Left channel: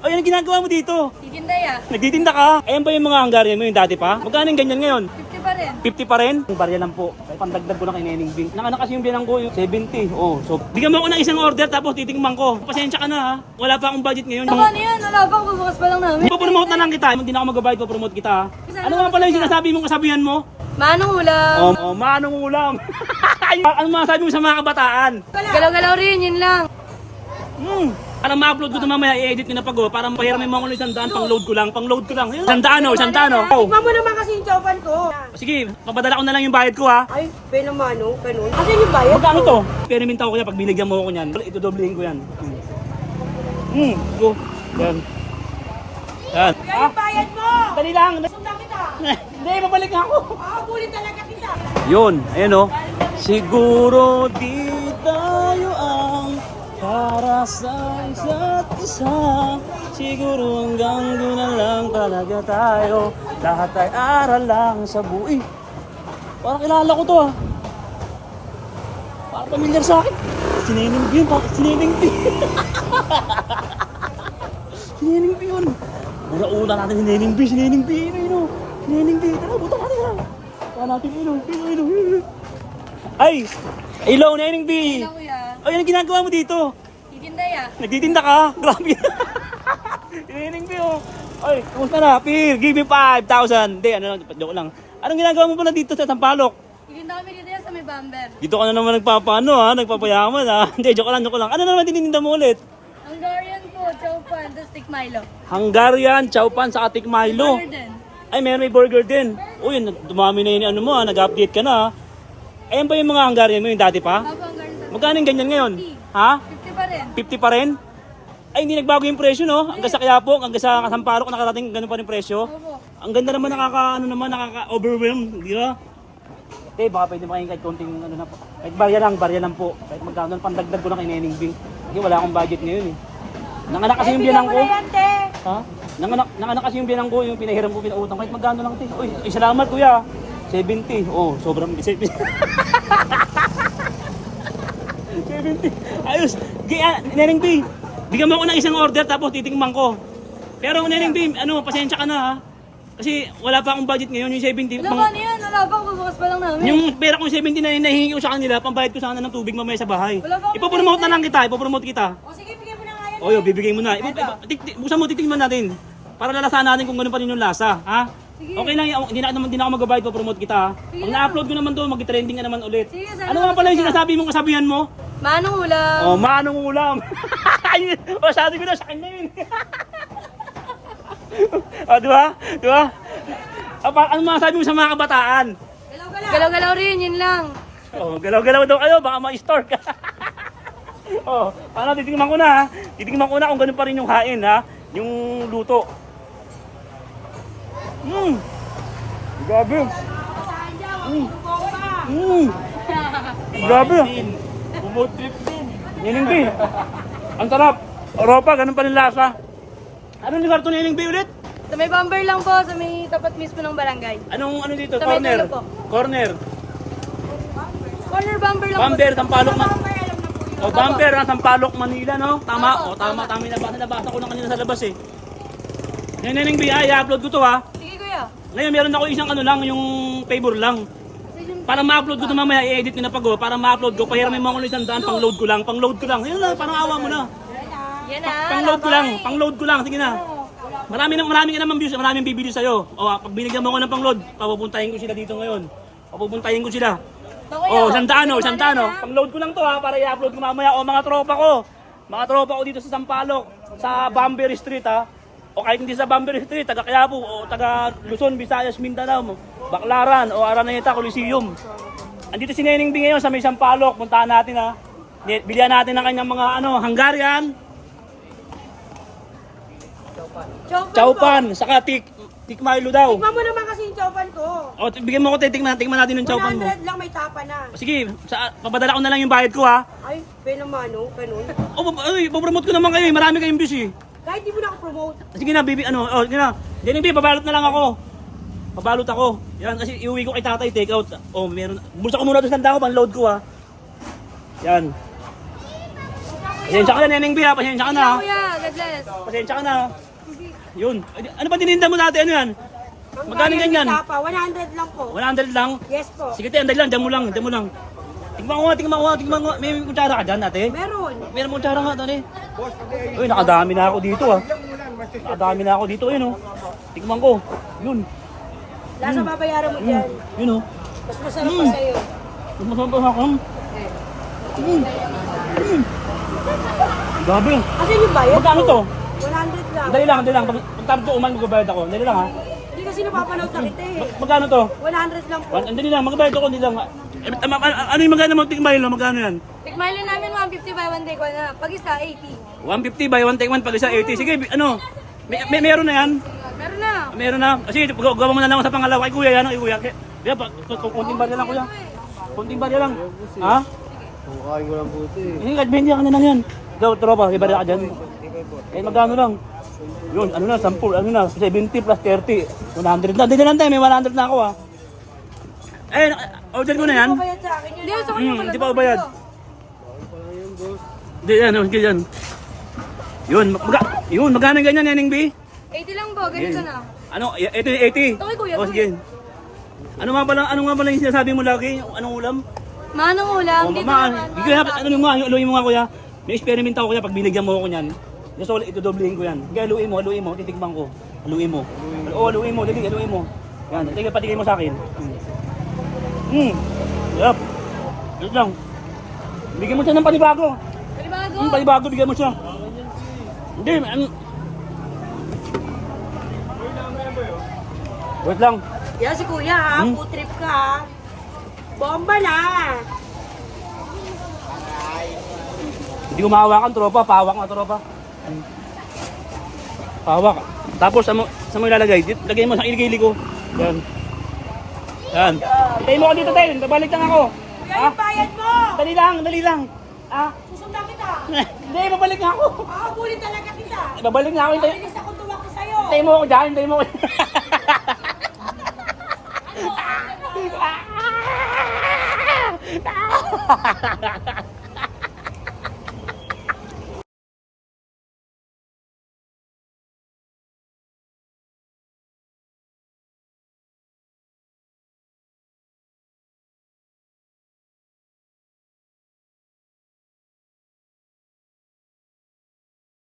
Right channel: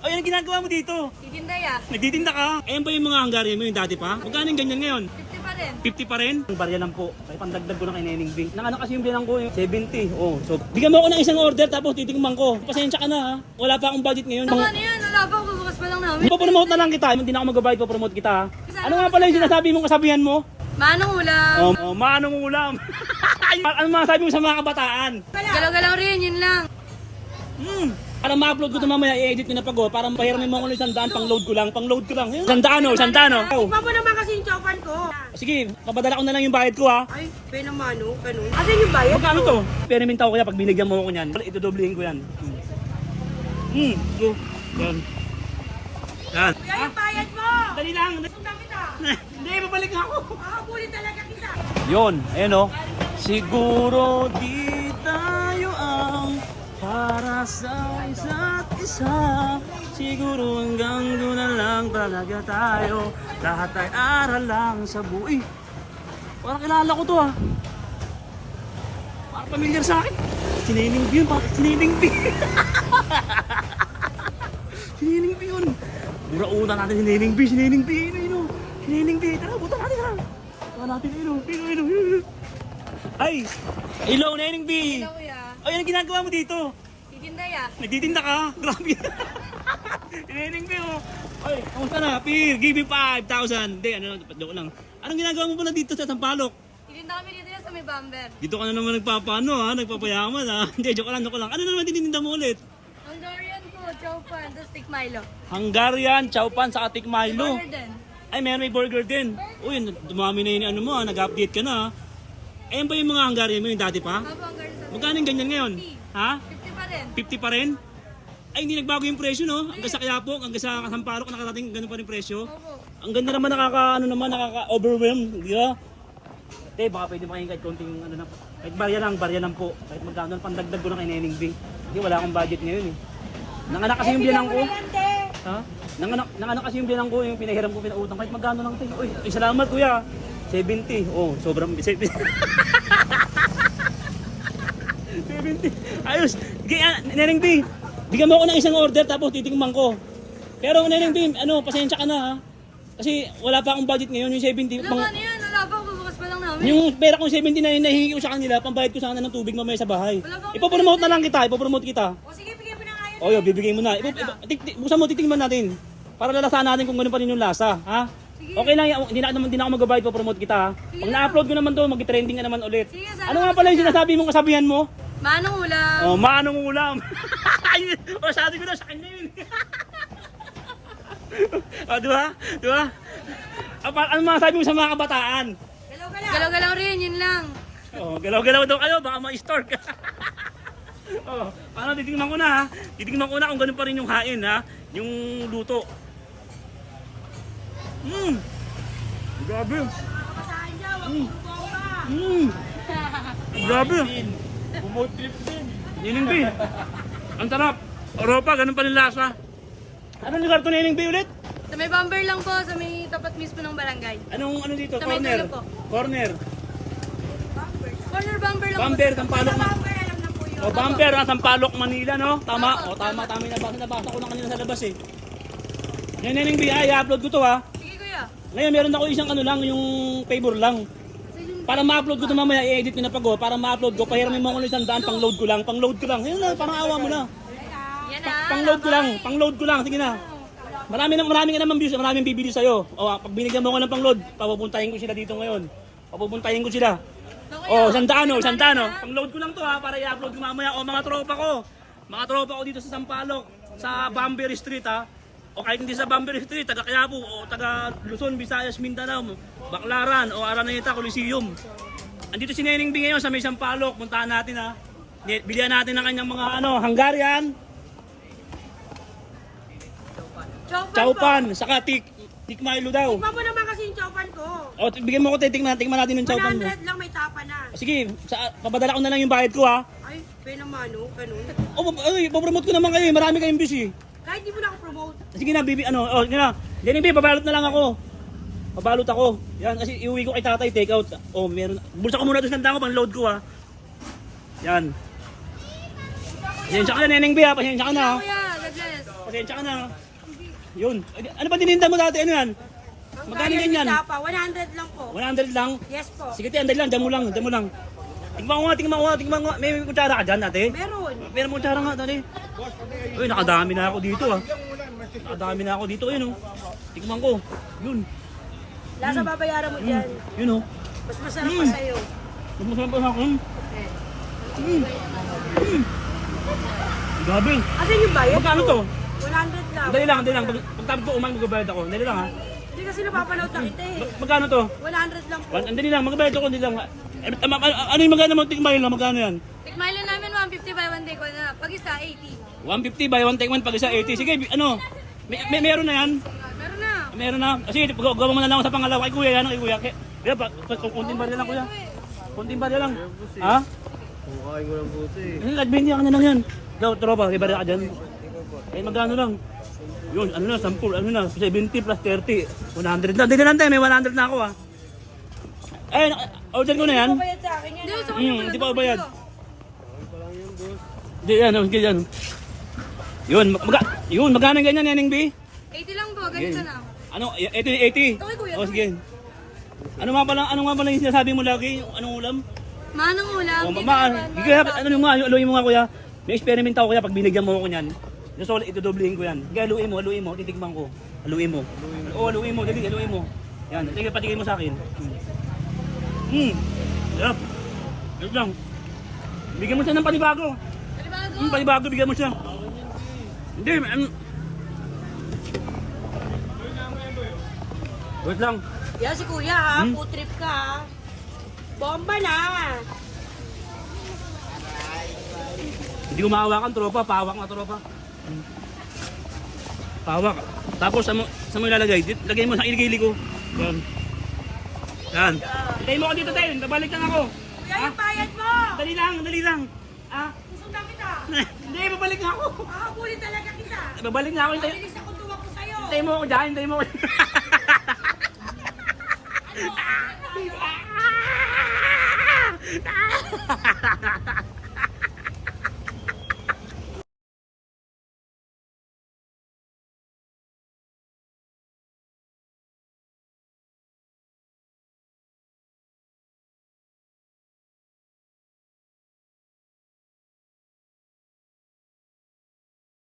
O yan ang ginagawa mo dito. Titinday ah. Nagtitinda ka. Ayan ba yung mga Hungarian mo yung dati pa? Magkano yung ganyan ngayon? 50 pa rin. 50 pa rin? Ang barya lang po. Kaya pandagdag ko na kay Neneng Bing. Nanganak kasi yung bilang ko yung 70. Oh, so bigyan mo ako ng isang order tapos titingman ko. Pasensya ka na ha. Wala pa akong budget ngayon. Ano yan? Wala pa, bubukas pa lang namin. Ipapromote na lang kita. Hindi na ako mag-bayad pa promote kita ha. Ano nga pala yung sinasabi mong kasabihan mo? Manong ulam. Manong ulam. Ano masasabi mo sa mga kabataan? Galaw-galaw rin, yun lang. Para ma-upload ko ito mamaya, i-edit ko na pag para pahiramin mo ako ng 100, pang-load ko lang. 100 100 oh. Tikman mo naman kasi yung chowpan ko. Sige, papadala ko na lang yung bayad ko ha. Ay, penamano, ganun. Kasi yung bayad Magkano to? Peniminta ko kaya pag binigyan mo ako niyan. Ito doblehin ko yan. Go. Yan. Yan. Kaya yung bayad mo. Dali lang. Sundan kita. Hindi, babalik na ako. Bulin talaga kita. Yun, ayun o. Siguro di tayo ang para sa isa't isa. Siguro hanggang doon na lang talaga tayo. Lahat ay aral lang sa buhay. Parang kilala ko to ha. Parang pamilyar sa akin. Sineneng B yun, sineneng B. Sineneng B yun. Mura-una natin sineneng B, sineneng B. Sineneng B, tara, buta natin ha. Buta natin, Ay! Hello, Neneng B! Hello kuya. O yan ang ginagawa mo dito. Titinday ah. Nagtitinda ka? Grabe. Neneng B oh. Ay, kumusta na? Pir, give me 5,000. Hindi, joke lang. Anong ginagawa mo pala dito sa Sampaloc? Titinda kami dito yan sa may bumper. Dito ka na naman nagpapaano ha, nagpapayaman ha. Hindi, joke lang. Ano naman tinitinda mo ulit? Hungarian po, chowpan, tapos stick Milo. Hungarian, chowpan, sa Atik Milo. Burger din. Ay, may burger din. Uy, dumami na yun ano mo ha, nag-update ka na ha. Ayan ba yung mga Hungarian mo yung dati pa? Bago Hungarian sa Magkano yung ganyan ngayon? Ha? 50 pa rin. 50 pa rin? Ay, hindi nagbago yung presyo, no? Hanggang sa Quiapo, hanggang sa Sampaloc, nakarating, ganun pa rin presyo. Opo. Ang ganda naman, nakaka-overwhelm, di ba? Ate, baka pwede makinggan kahit konting, na po. Kahit barya lang po. Kahit magkano, pandagdag ko lang kay Neneng Bing. Kasi wala akong budget ngayon, eh. Nanganak kasi yung bilang ko. Ha? Nanganak kasi yung bilang ko, yung pinahiram ko, pinautang. Kahit magkano lang, te. Uy, salamat, kuya. 70. Oh, sobrang 70. 70. Ayos. Neneng B, bigyan mo ako ng isang order tapos titingman ko. Pero Neneng B, pasensya ka na ha. Kasi wala pa akong budget ngayon, yung 70. Wala pa yan, wala pa, bubukas pa lang namin. Yung pera kong 70 na nahihingi ko sa kanila, pambayad ko sana ng tubig mamaya sa bahay. Wala pa akong Ipopromote na lang kita, ipopromote kita. O sige, bigay mo na nga yan. O yun, bibigay mo na. Buksan mo, titingnan natin. Para lalasahan natin kung gano'n pa rin yung lasa, ha? Okay lang, hindi na ako mag-bayad pa promote kita, ha? Pag na-upload ko naman to, mag-trending na naman ulit. Sige, Ano nga pala yung sinasabi mong kasabihan mo? Manong ulam. Oh, manong ulam. O, sabi ko na, sa kanya yun. O, diba? Diba? Ano masasabi mo sa mga kabataan? Galaw-galaw rin, yun lang. Oh, galaw-galaw daw kayo, baka ma-store ka. Oh, paano, titingnan ko na ha. Titingnan ko na kung ganun pa rin yung hain ha. Yung luto. Grabe. Grabe. Bumutrip din. Neneng B. Ang sarap. Europa, ganun pa rin lasa. Anong lugar to, Neneng B ulit? Sa may bumper lang po, sa may tapat mismo ng barangay. Ano dito? Sa may Corner. dulo po. Corner. Corner bumper lang Bumper, Sampaloc, Oh, Bumper, Sampaloc, Manila, no? Tama. Tama yung nabasa ko lang kanina sa labas eh. Yan, Neneng B, i-upload ko to ha. po. Sige kuya. Ngayon, meron ako isang yung favor lang. Para ma-upload ko ito mamaya, i-edit ko na pag para ma-upload ko, pahiramin mo ako ng 100, pang-load ko lang. Ayun na, parang awa mo na. Yan na. Pang-load ko lang, sige na. Marami ka naman views, maraming bibili sa'yo. O, pag binigyan mo ako ng pang-load, papupuntahin ko sila dito ngayon. Papupuntahin ko sila. O, sandaan. Pang-load ko lang to ha, para i-upload ko mamaya. O, mga tropa ko dito sa Sampaloc, sa Bamber Street ha. O kahit hindi sa Bamber Street, taga Quiapo, o taga Luzon, Visayas, Mindanao, Baclaran, o Araneta, Coliseum. Andito si Neneng B ngayon sa may Sampaloc, puntahan natin ha. Bilihan natin ng kanyang mga Hungarian, chowpan, saka tik Milo daw. Tikman mo naman kasi yung chowpan ko. O, bigyan mo ko, tikman natin yung chowpan mo. 100 lang, may tapa na. Sige, papadala ko na lang yung bayad ko ha. Ay, penamano, ganun. O, ipopromote ko naman kayo, marami kayong views eh. Kahit di mo na ako promote. Sige na, sige na. Jenny B, babalot na lang ako. Babalot ako. Yan, kasi iuwi ko kay tatay, take out. Oh, meron. Bulsa ko muna ito sa tanda ko, pang-load ko ha. Yan. Pasensya ka na, Neneng B ha, pasensya ka na ha. Kuya, God bless. Pasensya ka na. Yun. Ano ba dininda mo dati? Ano yan? Magkano Ang ganyan? tapa, 100 lang po. 100 lang? Yes po. Sige tayo, andali lang. Dyan mo lang. Dyan mo lang. Tingnan mo nga. May kutsara ka dyan, ate? Meron. Meron mo kutsara nga, ate. Uy, nakadami na ako dito, ah. Nakadami na ako dito, yun, oh. Tingnan ko. Yun. Nasa babayaran mo dyan. Yun, oh. Mas masarap pa sa'yo. Mas masarap pa ako. Grabe. Kasi yung bayad Magkano to? 100 lang. Dali lang. Pagtapos ko uman, magbabayad ako. Dali lang, ha. Hindi kasi napapanood na kita eh. Magkano to? 100 lang po. Dali lang, magbabayad ako. Dali lang. Ano yung magkano mo? Tingbayin lang, magkano yan? Tikmailin namin 150 by 1 take 1 na. Pag isa, 80. 150 by 1 take 1 pag isa 80. Sige, ano? Meron na yan? Meron na. Meron na. Kasi gawa mo na lang ako sa pangalawa. Kay kuya yan, kay kuya. Kaya pa, kunting barya lang kuya. Kunting barya lang. Ha? Kumakain ko lang puto eh. Hindi ka na lang yan. Daw, tropa, may barya ka dyan. Eh, magkano lang? Yun, ano na, 10, ano na, 70 plus 30. 100 na. Hindi na lang tayo, may 100 na ako ha. Eh, order ko na yan. Bayad sa akin yun. Hindi, sa kanya Hindi pa ako bayad. Bakit pa lang yun, boss? Hindi yan, sige yan. Yun, magkano ganyan, Nening B? 80 lang po, ganito na. Ano, 80? Ito kay kuya, O, ito sige. Ano nga pala yung sinasabi mo lagi? Anong ulam? Manong ulam, Oh, dito mama, naman. hindi ko haluin mo nga kuya. May experiment ako kuya pag binigyan mo ako niyan. Gusto ko itodoblehin ko yan. Kaya haluin mo, titikman ko. Haluin mo. Oo, haluin mo, dali, haluin mo. Yan, patigay mo sa akin. Yup. Wait lang. Bigyan mo siya ng panibago. Panibago. Panibago, bigyan mo siya. Hindi, wait lang. Yan si kuya ha, food trip ka ha. Bomba na. Hindi ko mahawakan, tropa. Pawak na, tropa. Pawak. Tapos, sa mo ilalagay? Lagay mo sa iligili ko. Yan. Yan. Tayo mo ka dito, tayo. Babalik lang ako. Kuya, yung bayad mo. Dali lang. Ah? Susundan kita. Hindi, babalik nga ako. Makakabulin talaga kita. Babalik nga ako. Mabilis ako tuwak ko sa'yo. Tayo mo ako dyan. Tayo mo ako.